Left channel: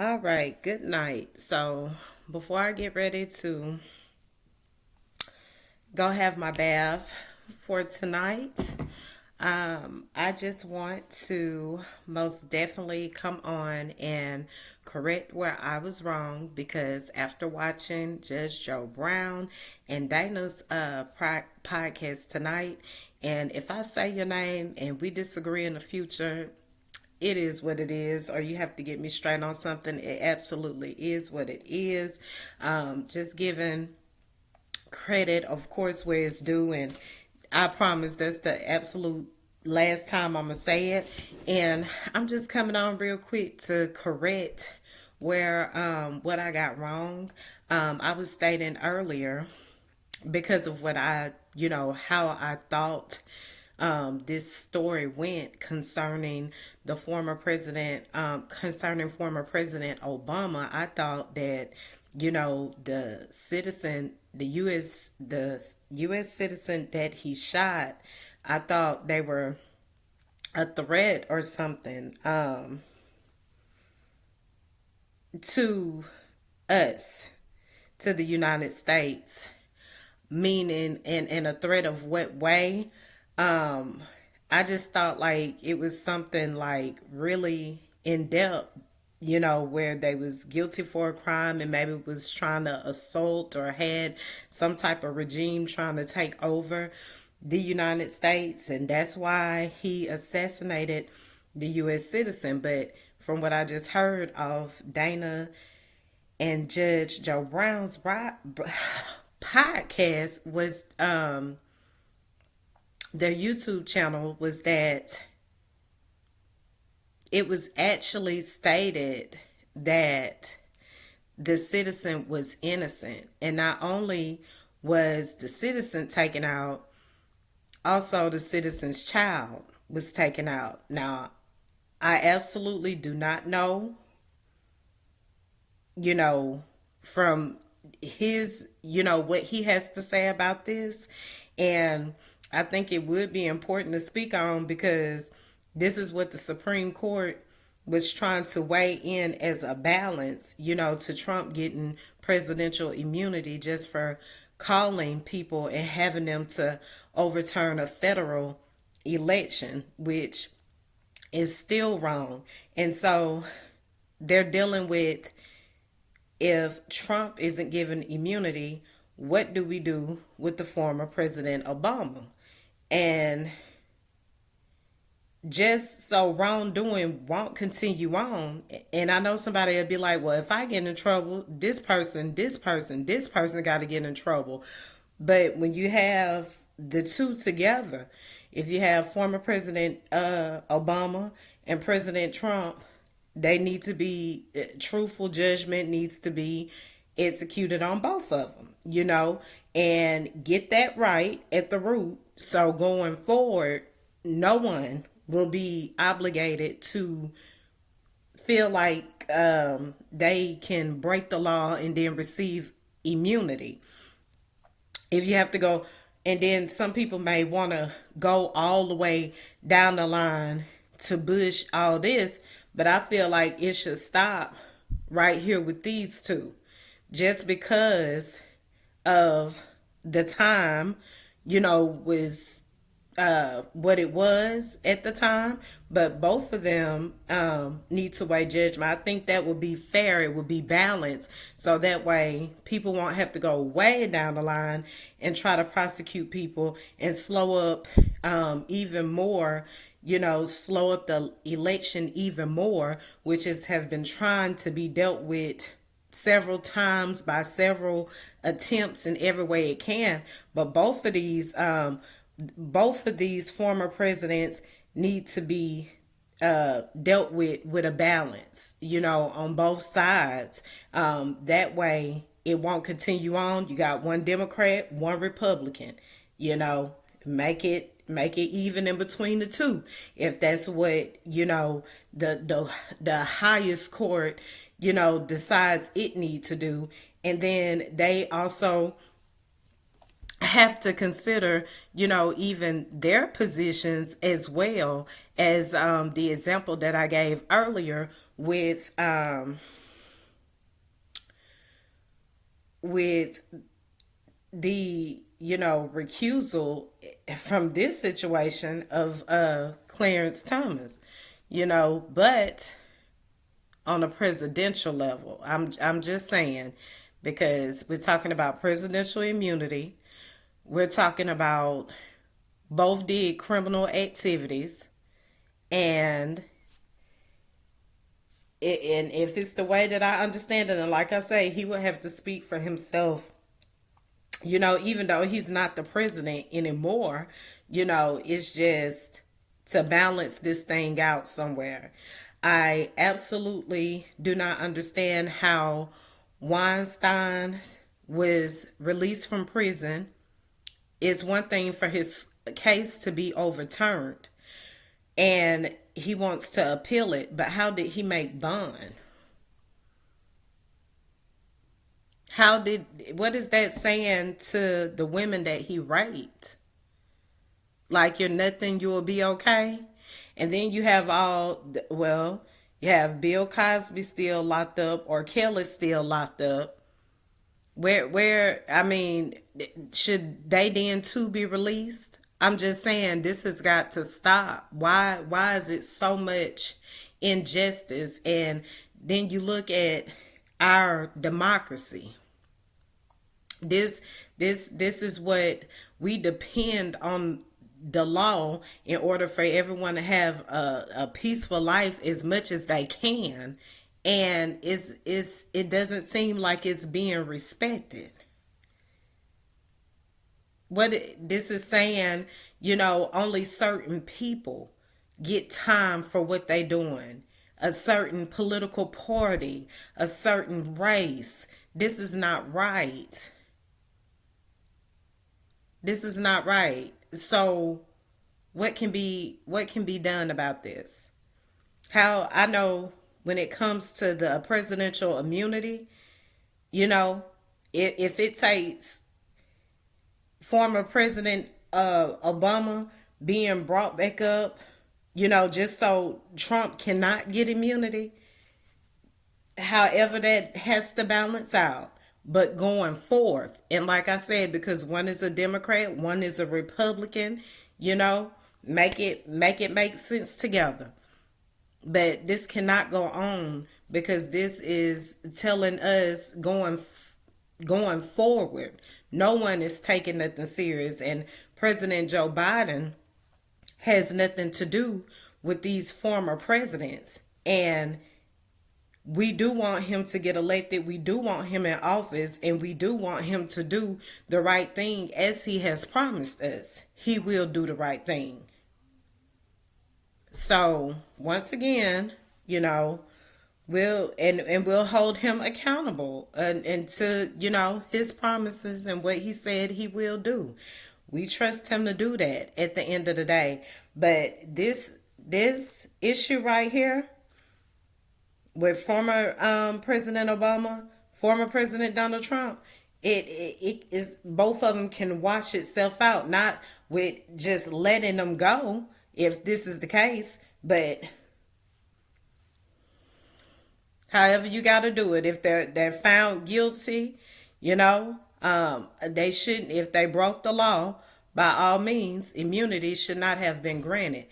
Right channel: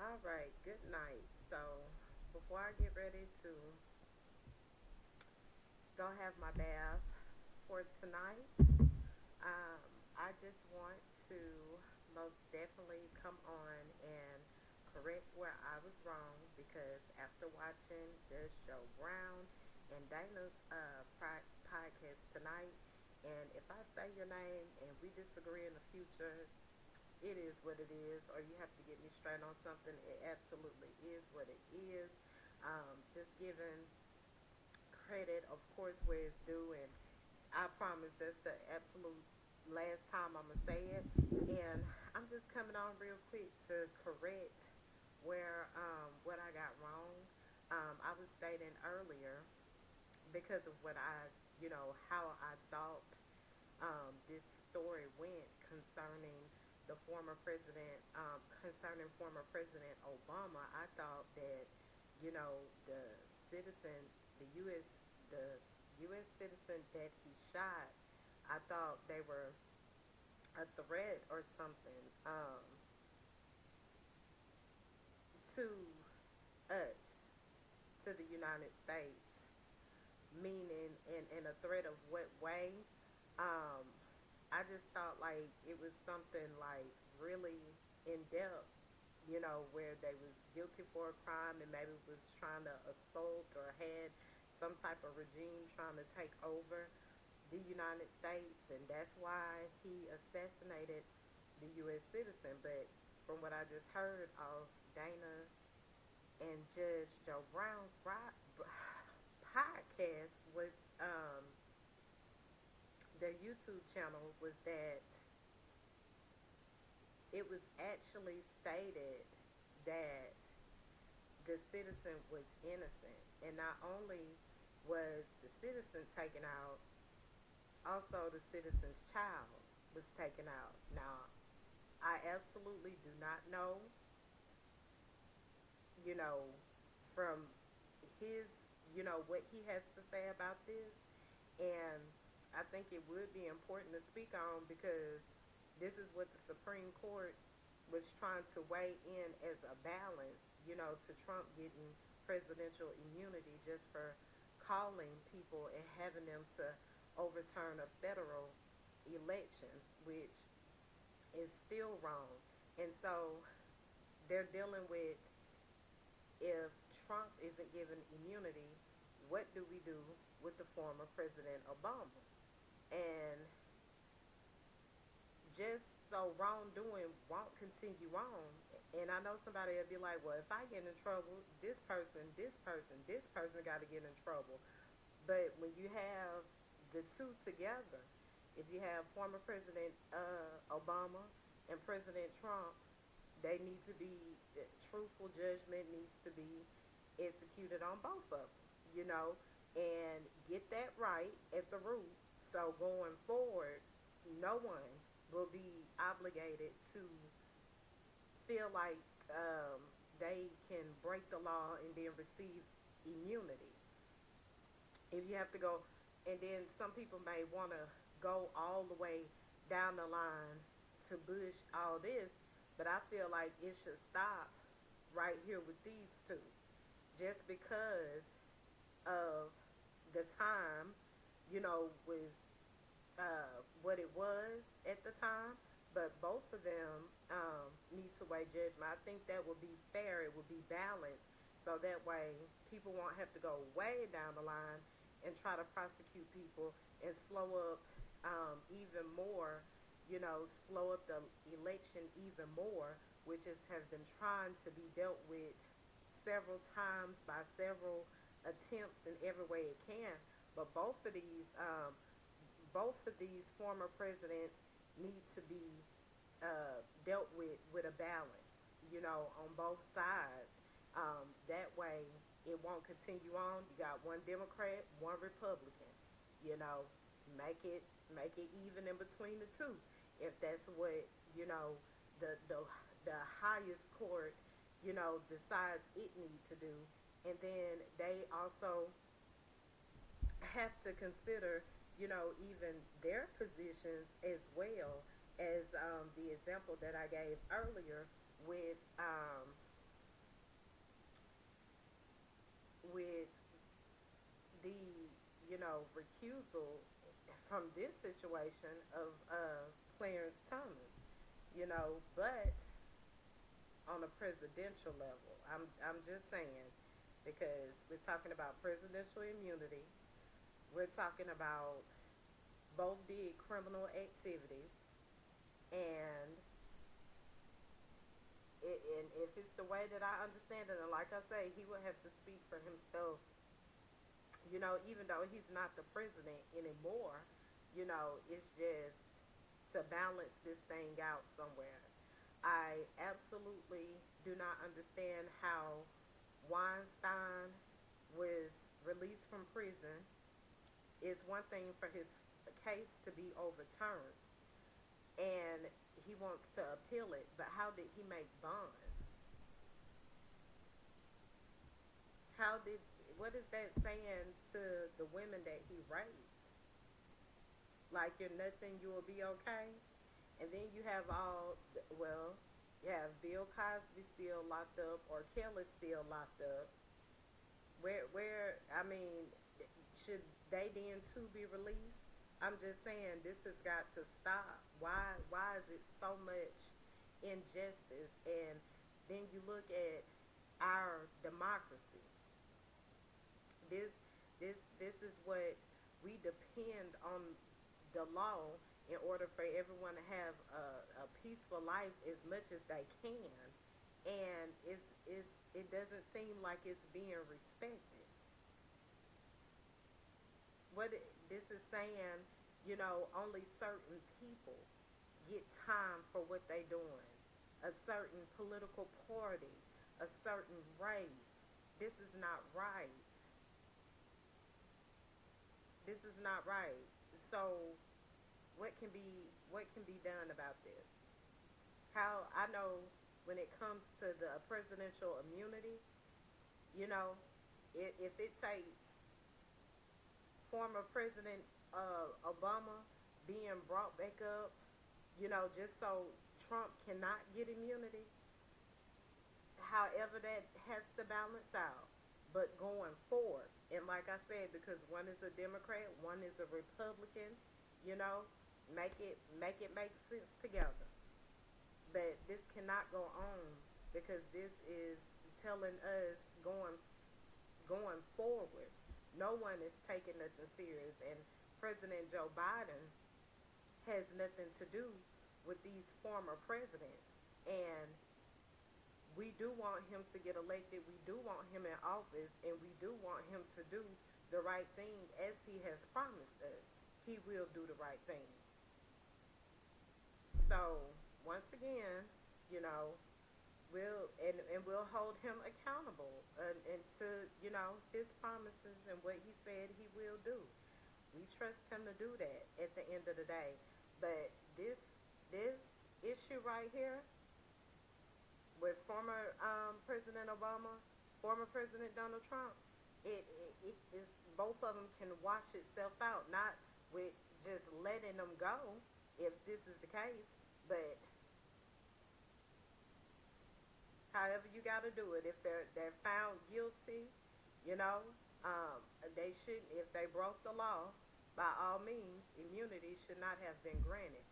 All right, good night. So, before I get ready to go have my bath for tonight, I just want to most definitely come on and correct where I was wrong because after watching Judge Joe Brown and Dana's podcast tonight, and if I say your name and we disagree in the future, it is what it is, or you have to get me straight on something. It absolutely is what it is. Just giving credit, of course, where it's due, and I promise that's the absolute last time I'm gonna say it. And I'm just coming on real quick to correct where what I got wrong. I was stating earlier because of what how I thought this story went concerning former President Obama. I thought that, the U.S. citizen that he shot, I thought they were a threat or something to us, to the United States, meaning in a threat of what way. Um, I just thought like it was something like really in depth, where they was guilty for a crime and maybe was trying to assault or had some type of regime trying to take over the United States, and that's why he assassinated the U.S. citizen. But from what I just heard of Dana and Judge Joe Brown's podcast was their YouTube channel was that it was actually stated that the citizen was innocent. And not only was the citizen taken out, also the citizen's child was taken out. Now, I absolutely do not know, you know, from what he has to say about this. And I think it would be important to speak on because this is what the Supreme Court was trying to weigh in as a balance, to Trump getting presidential immunity just for calling people and having them to overturn a federal election, which is still wrong. And so they're dealing with, if Trump isn't given immunity, what do we do with the former President Obama? And just so wrongdoing won't continue on. And I know somebody will be like, well, if I get in trouble, this person got to get in trouble. But when you have the two together, if you have former President Obama and President Trump, they need to be, truthful judgment needs to be executed on both of them, and get that right at the root. So going forward, no one will be obligated to feel like they can break the law and then receive immunity. If you have to go, and then some people may want to go all the way down the line to Bush, all this, but I feel like it should stop right here with these two, just because of the time, was what it was at the time. But both of them need to weigh judgment. I think that would be fair. It would be balanced. So that way people won't have to go way down the line and try to prosecute people and slow up even more, slow up the election even more, which is have been trying to be dealt with several times by several attempts in every way it can. But both of these former presidents need to be dealt with a balance, on both sides. That way, it won't continue on. You got one Democrat, one Republican. You know, make it even in between the two, if that's what the highest court decides it needs to do. And then they also have to consider, even their positions as well as the example that I gave earlier with with the recusal from this situation of Clarence Thomas, but on a presidential level, I'm just saying, because we're talking about presidential immunity, we're talking about both did criminal activities, and and if it's the way that I understand it, and like I say, he would have to speak for himself. Even though he's not the president anymore, it's just to balance this thing out somewhere. I absolutely do not understand how Weinstein was released from prison. It's one thing for his case to be overturned and he wants to appeal it, but how did he make bond? What is that saying to the women that he raped? Like, you're nothing, you will be okay. And then you have you have Bill Cosby still locked up, or Kelly still locked up. I mean, should they then too be released? I'm just saying this has got to stop. Why is it so much injustice? And then you look at our democracy. This this is what we depend on, the law, in order for everyone to have a peaceful life as much as they can, and it doesn't seem like it's being respected. What this is saying, only certain people get time for what they doing, a certain political party, a certain race. This is not right. This is not right. So what can be done about this? How I know, when it comes to the presidential immunity, you know, if it takes former President Obama being brought back up, just so Trump cannot get immunity, however that has to balance out. But going forth, and like I said, because one is a Democrat, one is a Republican, you know, make sense together. But this cannot go on, because this is telling us going forward. No one is taking nothing serious, and President Joe Biden has nothing to do with these former presidents. And we do want him to get elected. We do want him in office, and we do want him to do the right thing as he has promised us. He will do the right thing. So once again, we'll hold him accountable, and to his promises and what he said he will do. We trust him to do that at the end of the day. But this issue right here with former President Obama, former President Donald Trump, it is, both of them can wash itself out, not with just letting them go if this is the case, but however you got to do it. If they're found guilty, they shouldn't. If they broke the law, by all means, immunity should not have been granted.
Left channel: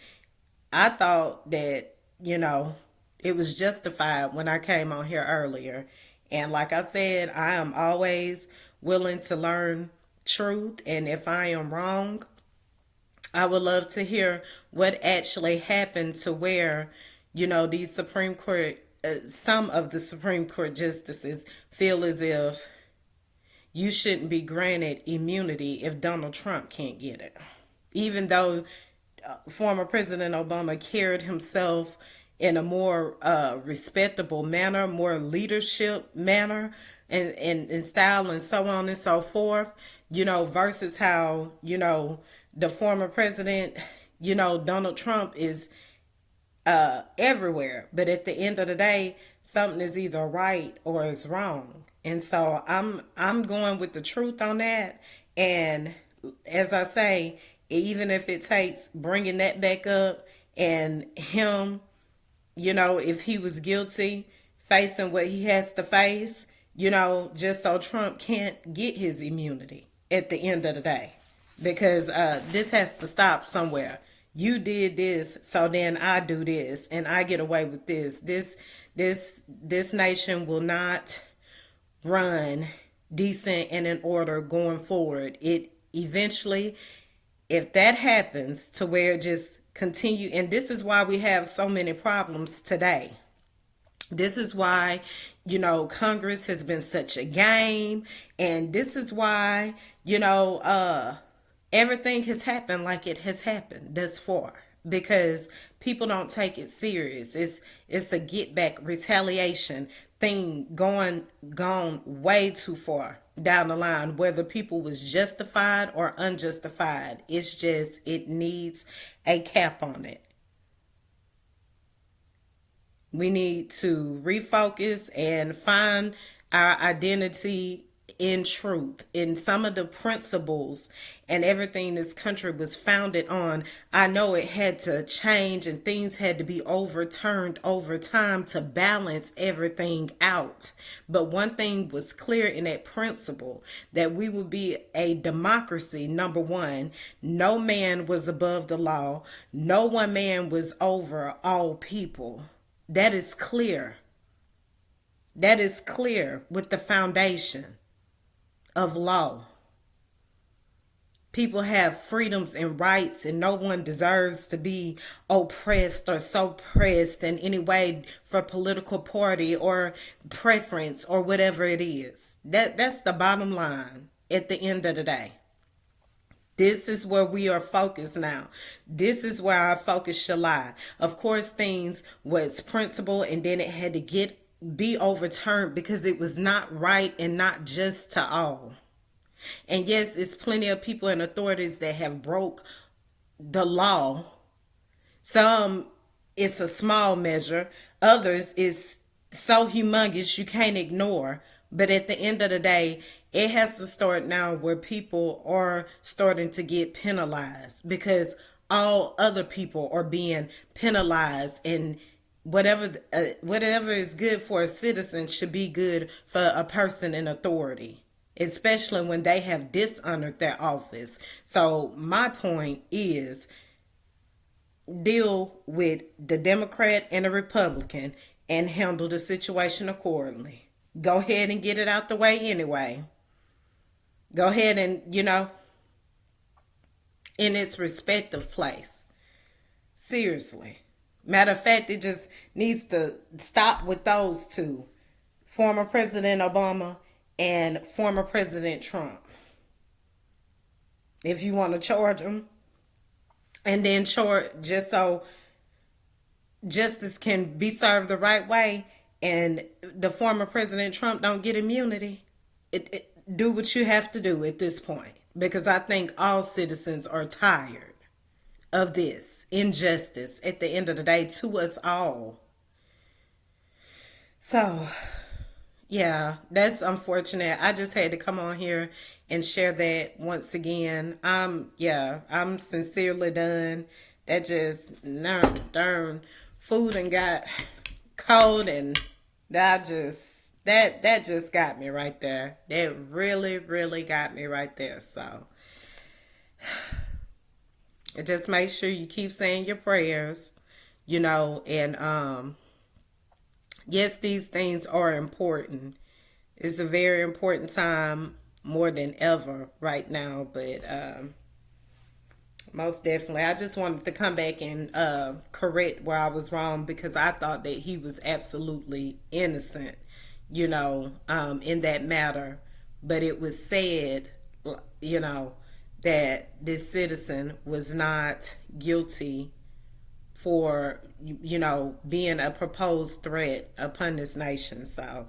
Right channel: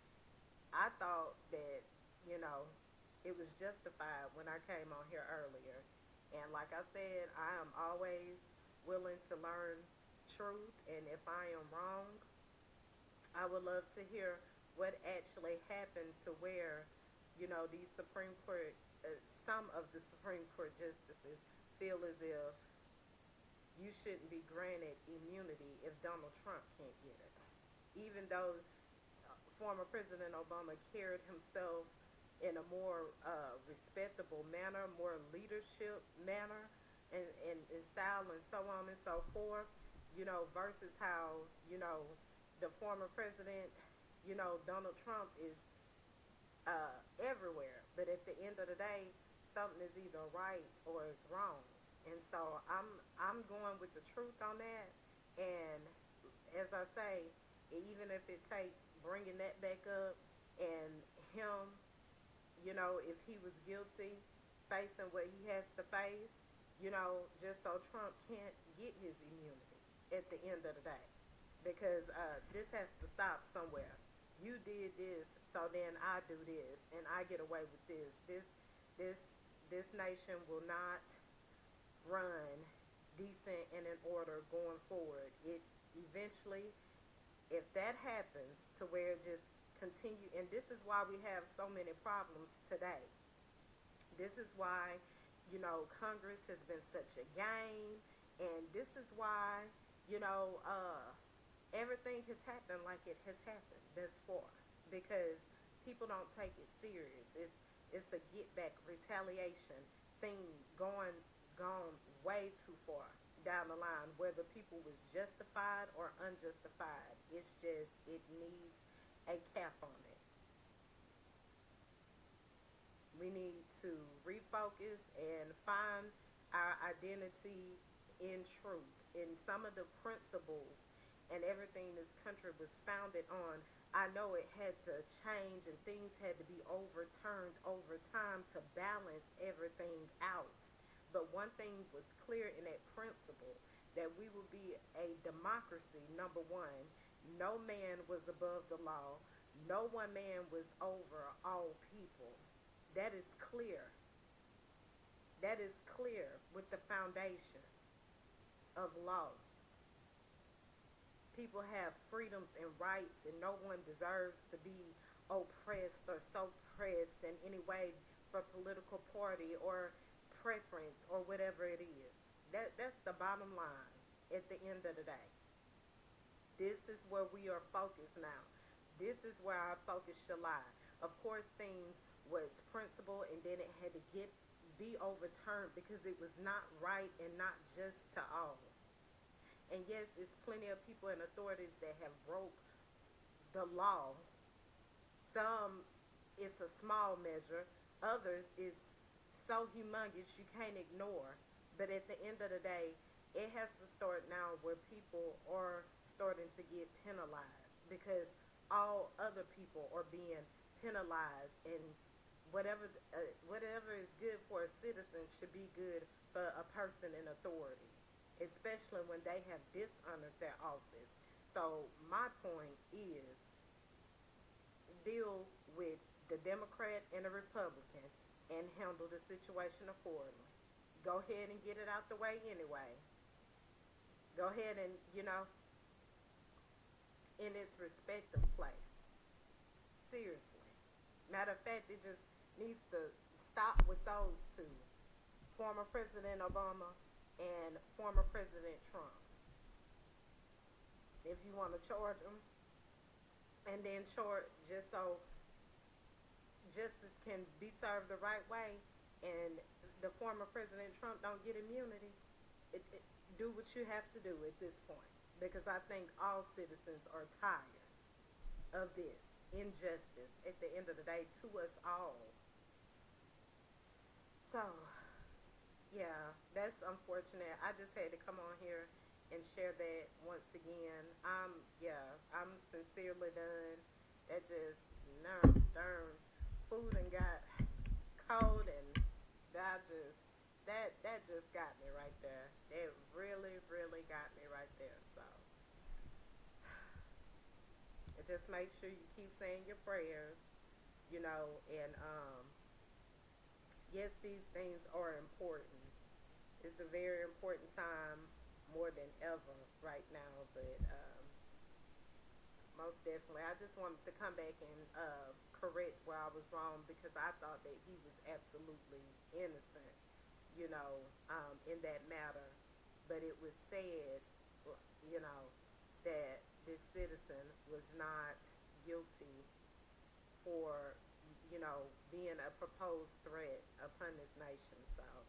I thought that it was justified when I came on here earlier, and like I said, I am always willing to learn truth, and if I am wrong, I would love to hear what actually happened to where, these Supreme Court, some of the Supreme Court justices feel as if you shouldn't be granted immunity if Donald Trump can't get it. Even though former President Obama carried himself in a more respectable manner, more leadership manner, and style, and so on and so forth, versus how, the former president, Donald Trump is everywhere. But at the end of the day, something is either right or it's wrong. And so I'm going with the truth on that. And as I say, even if it takes bringing that back up, and him, if he was guilty, facing what he has to face, just so Trump can't get his immunity at the end of the day. Because this has to stop somewhere. You did this, so then I do this, and I get away with this. This nation will not run decent and in order going forward. It eventually, if that happens to where it just continue, and this is why we have so many problems today. This is why, Congress has been such a game, and this is why, everything has happened like it has happened thus far, because people don't take it serious. It's a get back retaliation thing gone way too far down the line, whether people was justified or unjustified. It's just, it needs a cap on it. We need to refocus and find our identity in truth, in some of the principles and everything this country was founded on. I know it had to change and things had to be overturned over time to balance everything out. But one thing was clear in that principle, that we would be a democracy. Number one, no man was above the law. No one man was over all people. That is clear. That is clear with the foundation of law. People have freedoms and rights, and no one deserves to be oppressed or suppressed in any way for political party or preference or whatever it is. That's the bottom line at the end of the day. This is where we are focused now. This is where our focus should lie. Of course, things was principle, and then it had to be overturned because it was not right and not just to all. And yes, it's plenty of people and authorities that have broke the law. Some, it's a small measure. Others, is so humongous you can't ignore. But at the end of the day, it has to start now where people are starting to get penalized, because all other people are being penalized, and whatever is good for a citizen should be good for a person in authority, especially when they have dishonored their office. So my point is, deal with the Democrat and the Republican and handle the situation accordingly. Go ahead and get it out the way anyway. Go ahead and, in its respective place. Seriously. Matter of fact, it just needs to stop with those two. Former President Obama and former President Trump. If you want to charge them, and then charge, just so justice can be served the right way, and the former President Trump don't get immunity, do what you have to do at this point, because I think all citizens are tired of this injustice at the end of the day to us all. So, yeah, that's unfortunate. I just had to come on here and share that once again. I'm sincerely done. That just, darn, food and got cold, and that just got me right there. That really, really got me right there. So just make sure you keep saying your prayers, and yes, these things are important. It's a very important time, more than ever right now, but most definitely, I just wanted to come back and correct where I was wrong, because I thought that he was absolutely innocent, in that matter. But it was said, that this citizen was not guilty for, being a proposed threat upon this nation. So,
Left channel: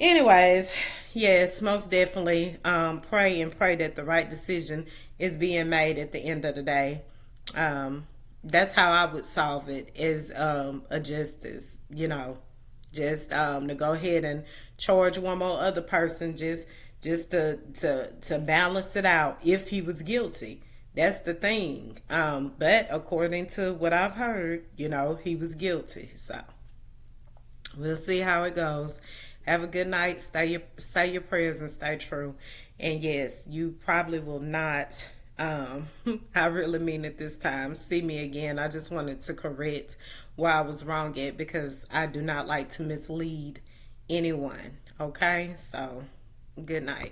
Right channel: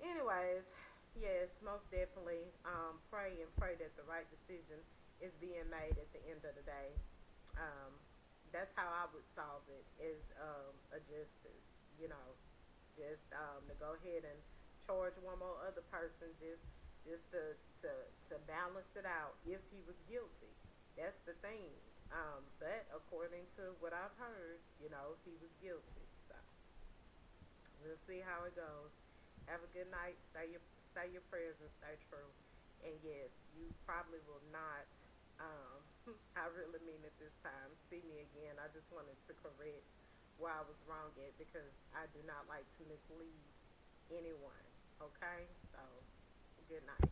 anyways, yes, most definitely pray that the right decision is being made at the end of the day. That's how I would solve it, is a justice, just to go ahead and charge one more other person, just to balance it out if he was guilty. That's the thing. But according to what I've heard, he was guilty. So we'll see how it goes. Have a good night. Say your prayers and stay true. And yes, you probably will not. I really mean it this time. See me again. I just wanted to correct where I was wrong at because I do not like to mislead anyone. Okay, so good night.